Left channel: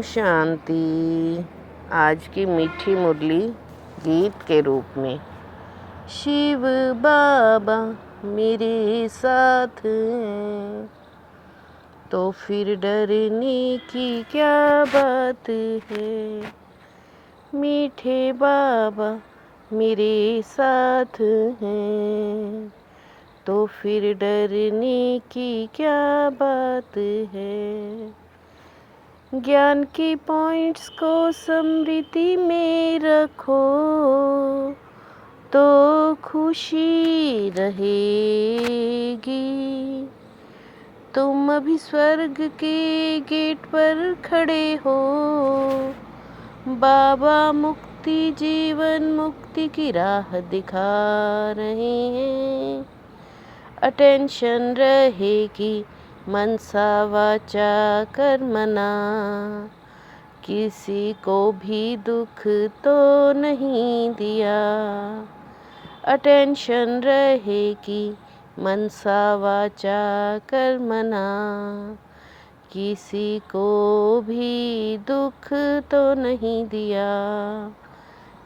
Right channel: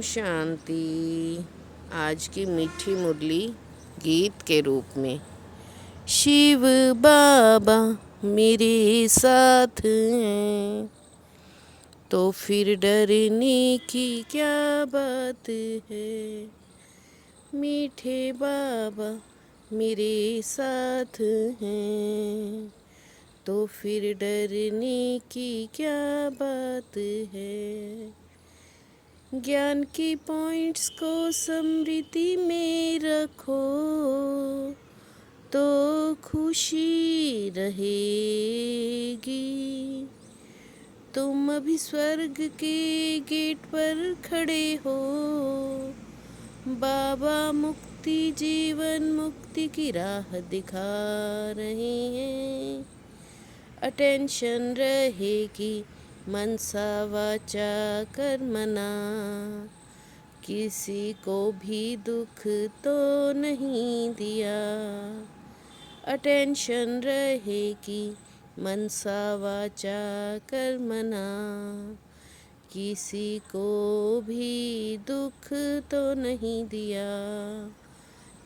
ओम शांति। आज की मीठी मुरली गीत के रूप में। शिव बाबा मेरे साथ हैं तो फिर डरने की क्या बात है। मीठे बाबा मेरे साथ हैं तो फिर डरने की क्या बात है। ज्ञान के पॉइंट्स को स्मृति में रखो तो खुशी रहेगी। तुम अभी स्वर्ग के गेट पर खड़े हो। बाबा मुक्ति जीवन मुक्ति की राह दिखा रहे हैं। अटेंशन रहेगी मनसा वाचा कर्मणा। किसी को भी दुख तो नहीं दिया। अटेंशन रहेगी मनसा वाचा कर्मणा। किसी को भी दुख तो नहीं दिया।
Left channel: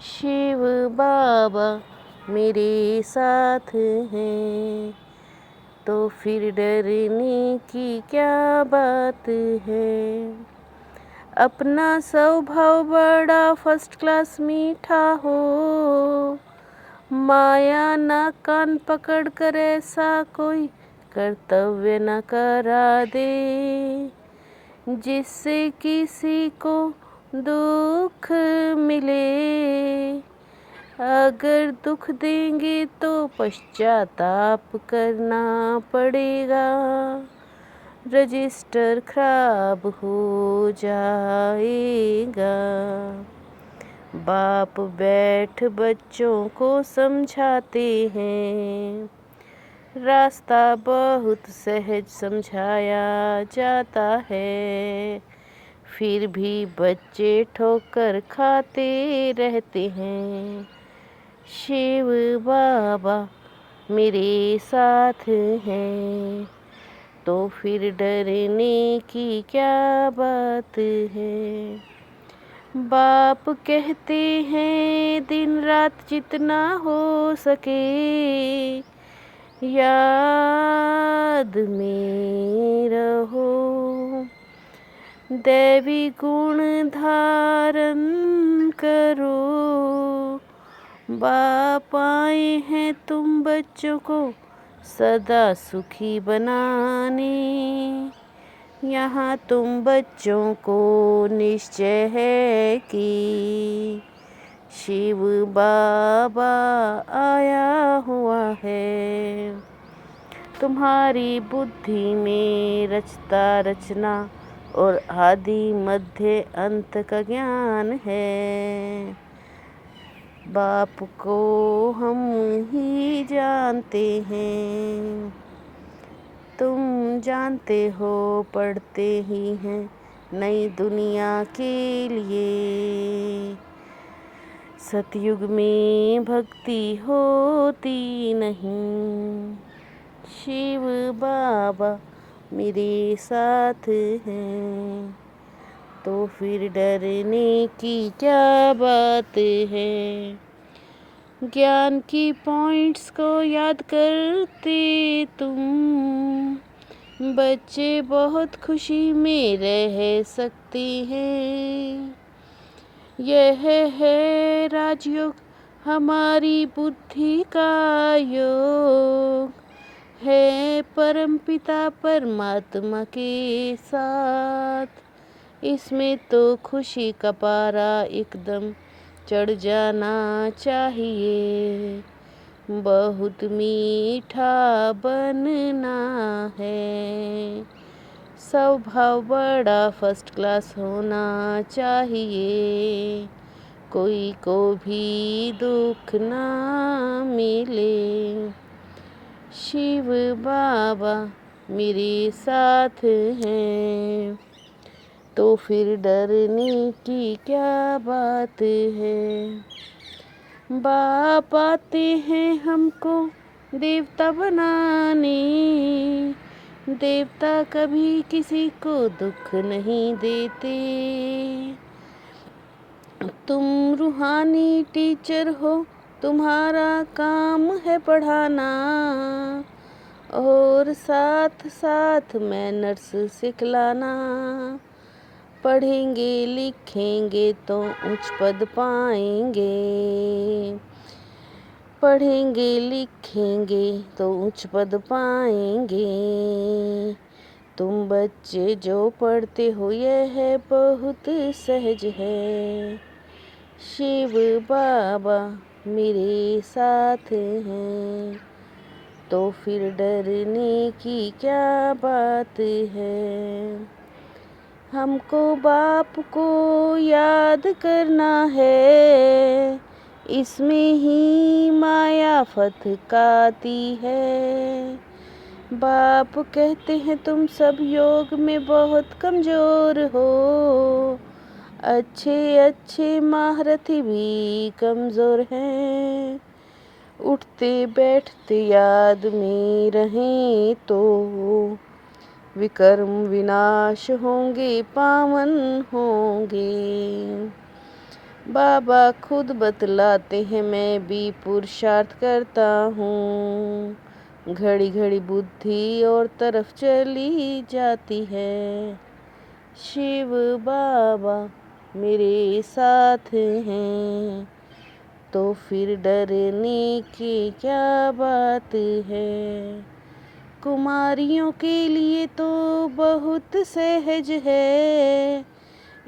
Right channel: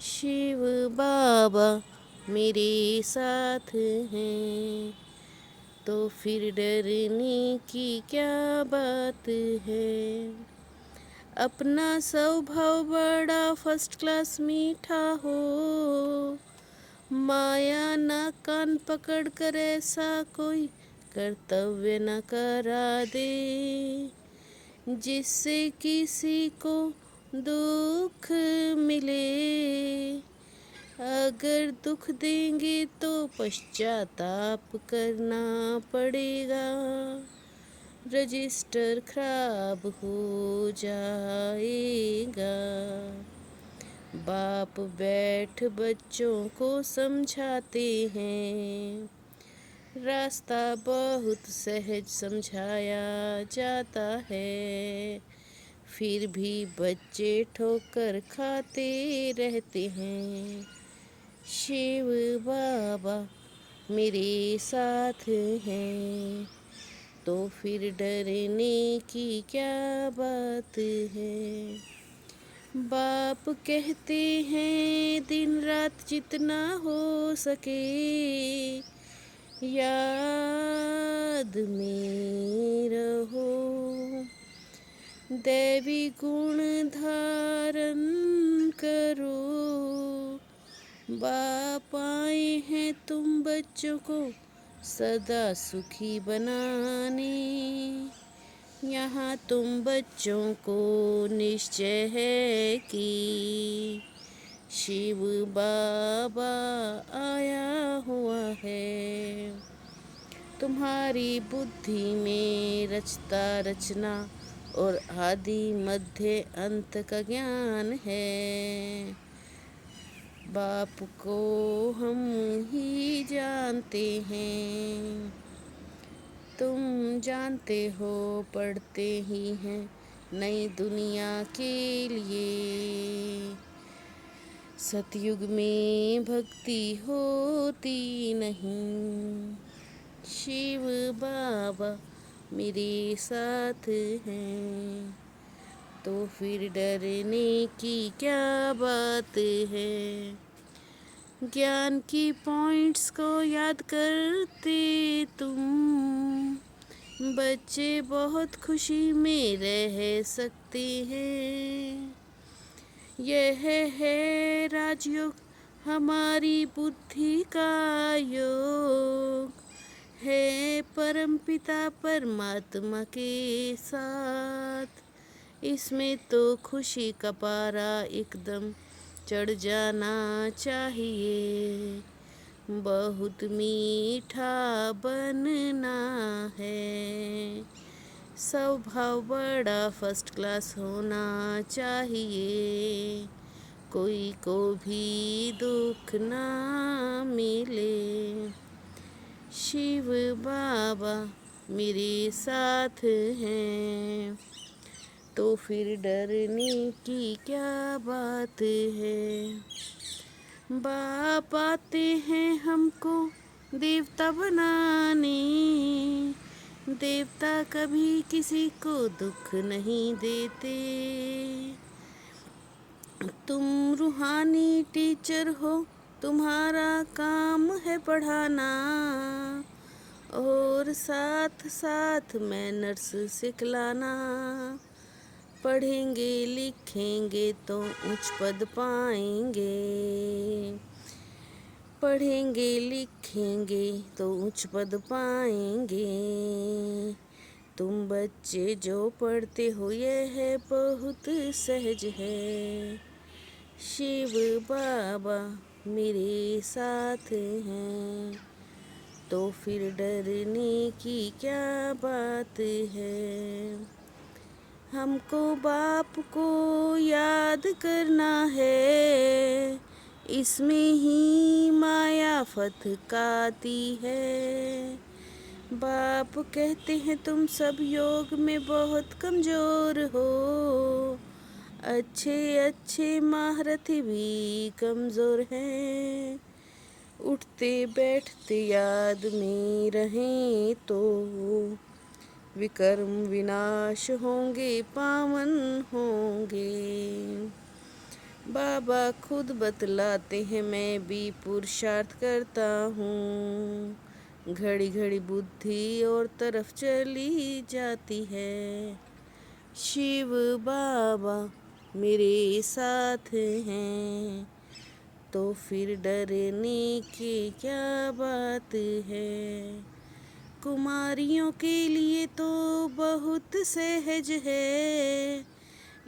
शिव बाबा मेरे साथ हैं तो फिर डरने की क्या बात है। अपना स्वभाव बड़ा फर्स्ट क्लास मीठा हो। माया ना कान पकड़ कर ऐसा कोई कर्तव्य न करा दे जिससे किसी को दुख मिले। अगर दुख देंगे तो पश्चाताप करना पड़ेगा। रजिस्टर खराब हो जाएगा। बाप बैठ बच्चों को समझाते हैं। रास्ता बहुत सहज समझाया जाता है। फिर भी बच्चे ठोकर खाते रहते हैं। शिव बाबा मेरे साथ हैं तो फिर डरने की क्या बात है। बाप कहते हैं दिन रात जितना हो सके याद में रहो। दैवी गुण धारण करो। बाप आए हैं तुम बच्चों को सदा सुखी बनाने। यहाँ तुम बच्चों को निश्चय है कि शिव बाबा आया हुआ है। तुम्हारी बुद्धि में रचता रचना और आदि मध्य अंत का ज्ञान है। बाप को हम ही जानते हैं। तुम जानते हो पढ़ते ही हैं नई दुनिया के लिए। सतयुग में भक्ति होती नहीं। शिव बाबा मेरे साथ हैं तो फिर डरने की क्या बात है। ज्ञान की पॉइंट्स को याद करते तुम बच्चे बहुत खुशी में रह सकते हैं। यह है राजयोग हमारी बुद्धि का योग है परमपिता परमात्मा के साथ। इसमें तो खुशी का पारा एकदम चढ़ जाना चाहिए। बहुत मीठा बनना है। स्वभाव बड़ा फर्स्ट क्लास होना चाहिए। कोई को भी दुख ना मिले। शिव बाबा मेरे साथ हैं तो फिर डरने की क्या बात है। बाप आते हैं हमको देवता बनाने। देवता कभी किसी को दुख नहीं देते। तुम रूहानी टीचर हो, तुम्हारा काम है पढ़ाना, और साथ साथ मैनर्स सिखलाना। पढ़ेंगे लिखेंगे तो उच्च पद पाएंगे, पढ़ेंगे लिखेंगे तो उच्च पद पाएंगे। तुम बच्चे जो पढ़ते हो यह है बहुत सहज है। शिव बाबा मेरे साथ हैं, तो फिर डरने की क्या बात है। हमको बाप को याद करना है, इसमें ही माया फतकाती है। बाप कहते हैं तुम सब योग में बहुत कमज़ोर हो, अच्छे अच्छे महारथी भी कमज़ोर हैं। उठते बैठते याद में रहें तो विकर्म विनाश होंगे, पावन होंगे। बाबा खुद बतलाते हैं मैं भी पुरुषार्थ करता हूँ, घड़ी घड़ी बुद्धि और तरफ चली जाती है। शिव बाबा मेरे साथ हैं, तो फिर डरने की क्या बात है। कुमारियों के लिए तो बहुत सहज है,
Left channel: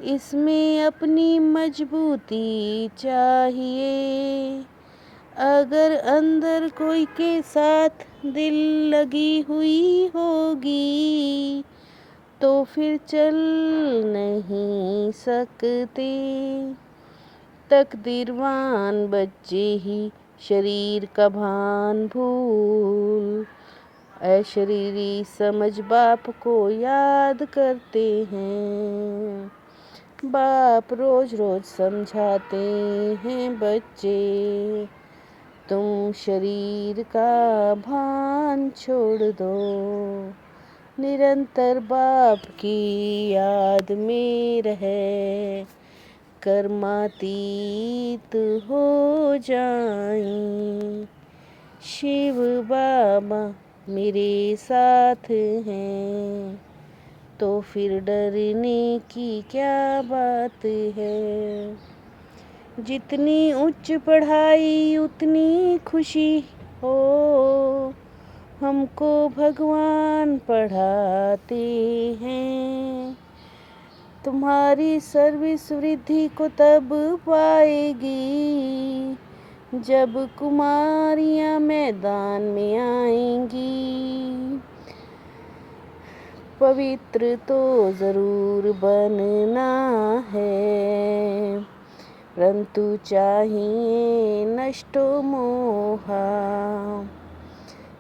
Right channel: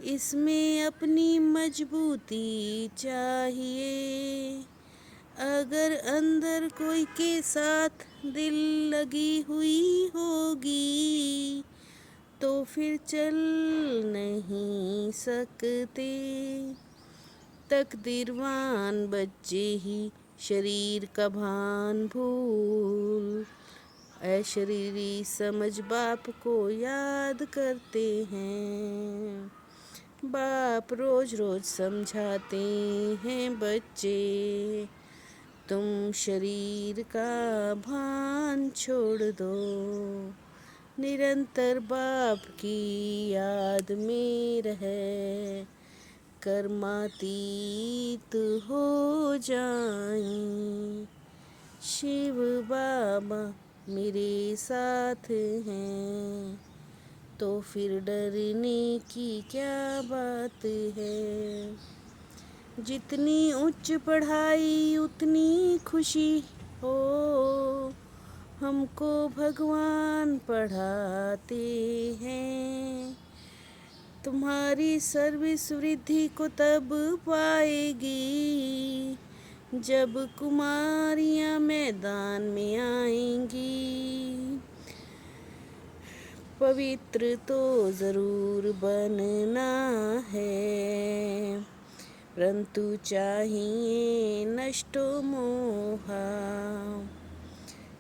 इसमें अपनी मजबूती चाहिए। अगर अंदर कोई के साथ दिल लगी हुई होगी, तो फिर चल नहीं सकते। तकदीरवान बच्चे ही शरीर का भान भूल, अशरीरी समझ बाप को याद करते हैं। बाप रोज रोज समझाते हैं बच्चे, तुम शरीर का भान छोड़ दो, निरंतर बाप की याद में रहे, कर्मातीत हो जाएं। शिव बाबा मेरे साथ हैं, तो फिर डरने की क्या बात है। जितनी उच्च पढ़ाई उतनी खुशी हो, हमको भगवान पढ़ाते हैं। तुम्हारी सर्विस वृद्धि को तब पाएगी जब कुमारियाँ मैदान में आएंगी। पवित्र तो ज़रूर बनना है, परंतु चाहिए नष्टो मोहा।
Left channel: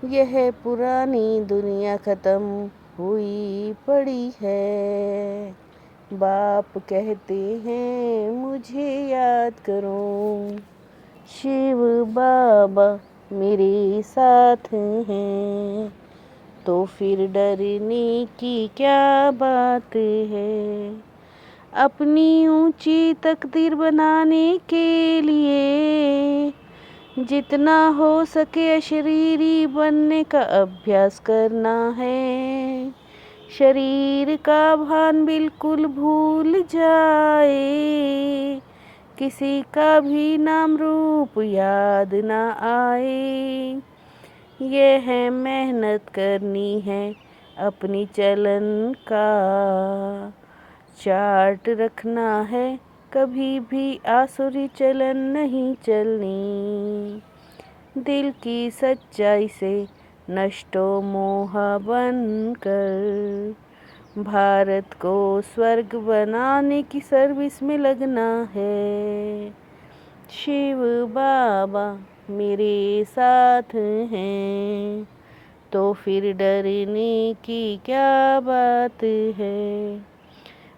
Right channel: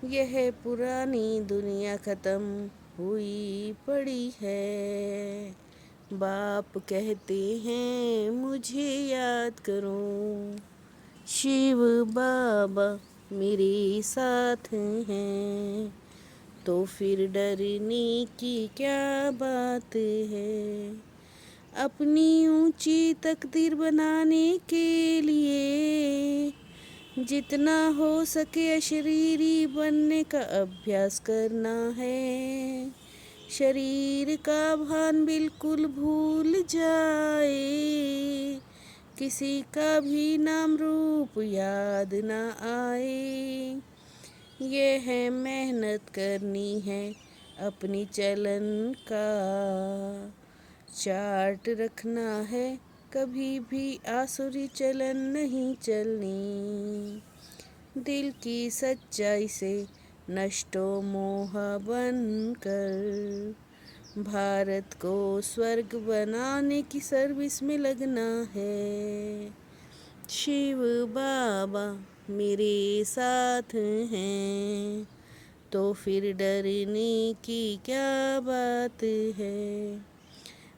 यह पुरानी दुनिया ख़त्म हुई पड़ी है। बाप कहते हैं मुझे याद करो, शिव बाबा मेरे साथ हैं, तो फिर डरने की क्या बात है। अपनी ऊंची तकदीर बनाने के लिए जितना हो सके अशरीरी बनने का अभ्यास करना है। शरीर का भान बिल्कुल भूल जाए, किसी का भी नाम रूप याद ना आए। यह है मेहनत करनी है, अपनी चलन का चार्ट रखना है, कभी भी आसुरी चलन नहीं चलनी। दिल की सच्चाई से नष्टो मोह बनकर भारत को स्वर्ग बनाने की सर्विस में लगना है। शिव बाबा मेरे साथ हैं, तो फिर डरने की क्या बात है।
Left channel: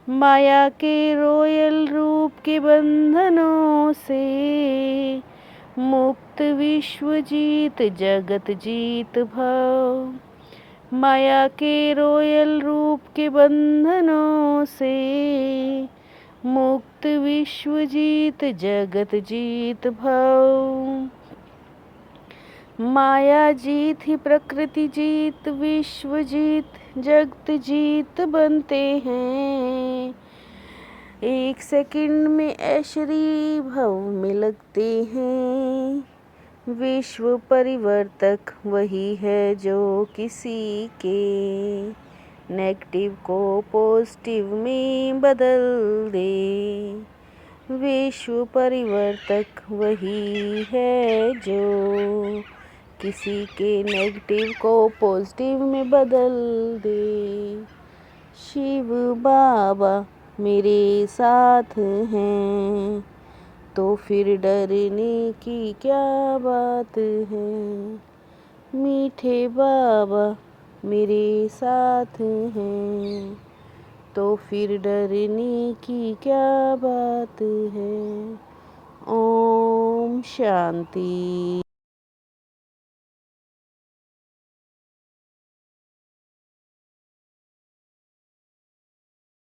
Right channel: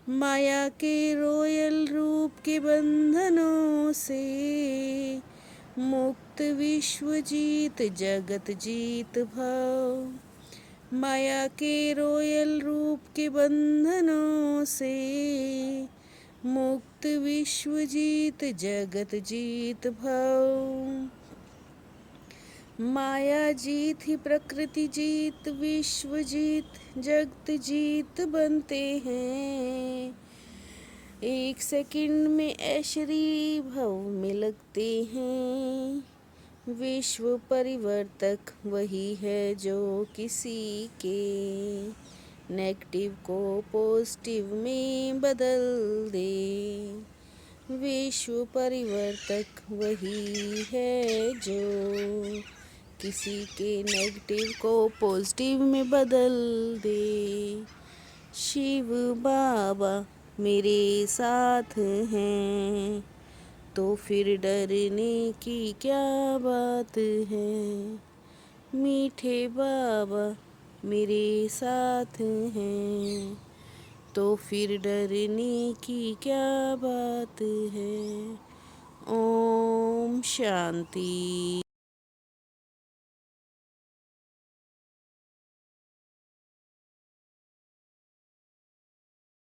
माया के रोयल रूप के बंधनों से मुक्त विश्व जीत जगत जीत भव, माया के रोयल रूप के बंधनों से मुक्त विश्व जीत जगत जीत भव। माया जीत ही प्रकृति जीत विश्व जीत जगत जीत बनते हैं। एक सेकंड में ऐश्वर्य भव में लगते हैं। विश्व परिवर्तक वही है जो किसी के नेगेटिव को पॉजिटिव में बदल दे। विश्व परिवर्तक वही है जो किसी के नेगेटिव को पॉजिटिव में बदल दे। शिव बाबा मेरे साथ हैं तो फिर डरने की क्या बात है। मीठे बाबा मेरे साथ हैं तो फिर डरने की क्या बात है। ओम शांति।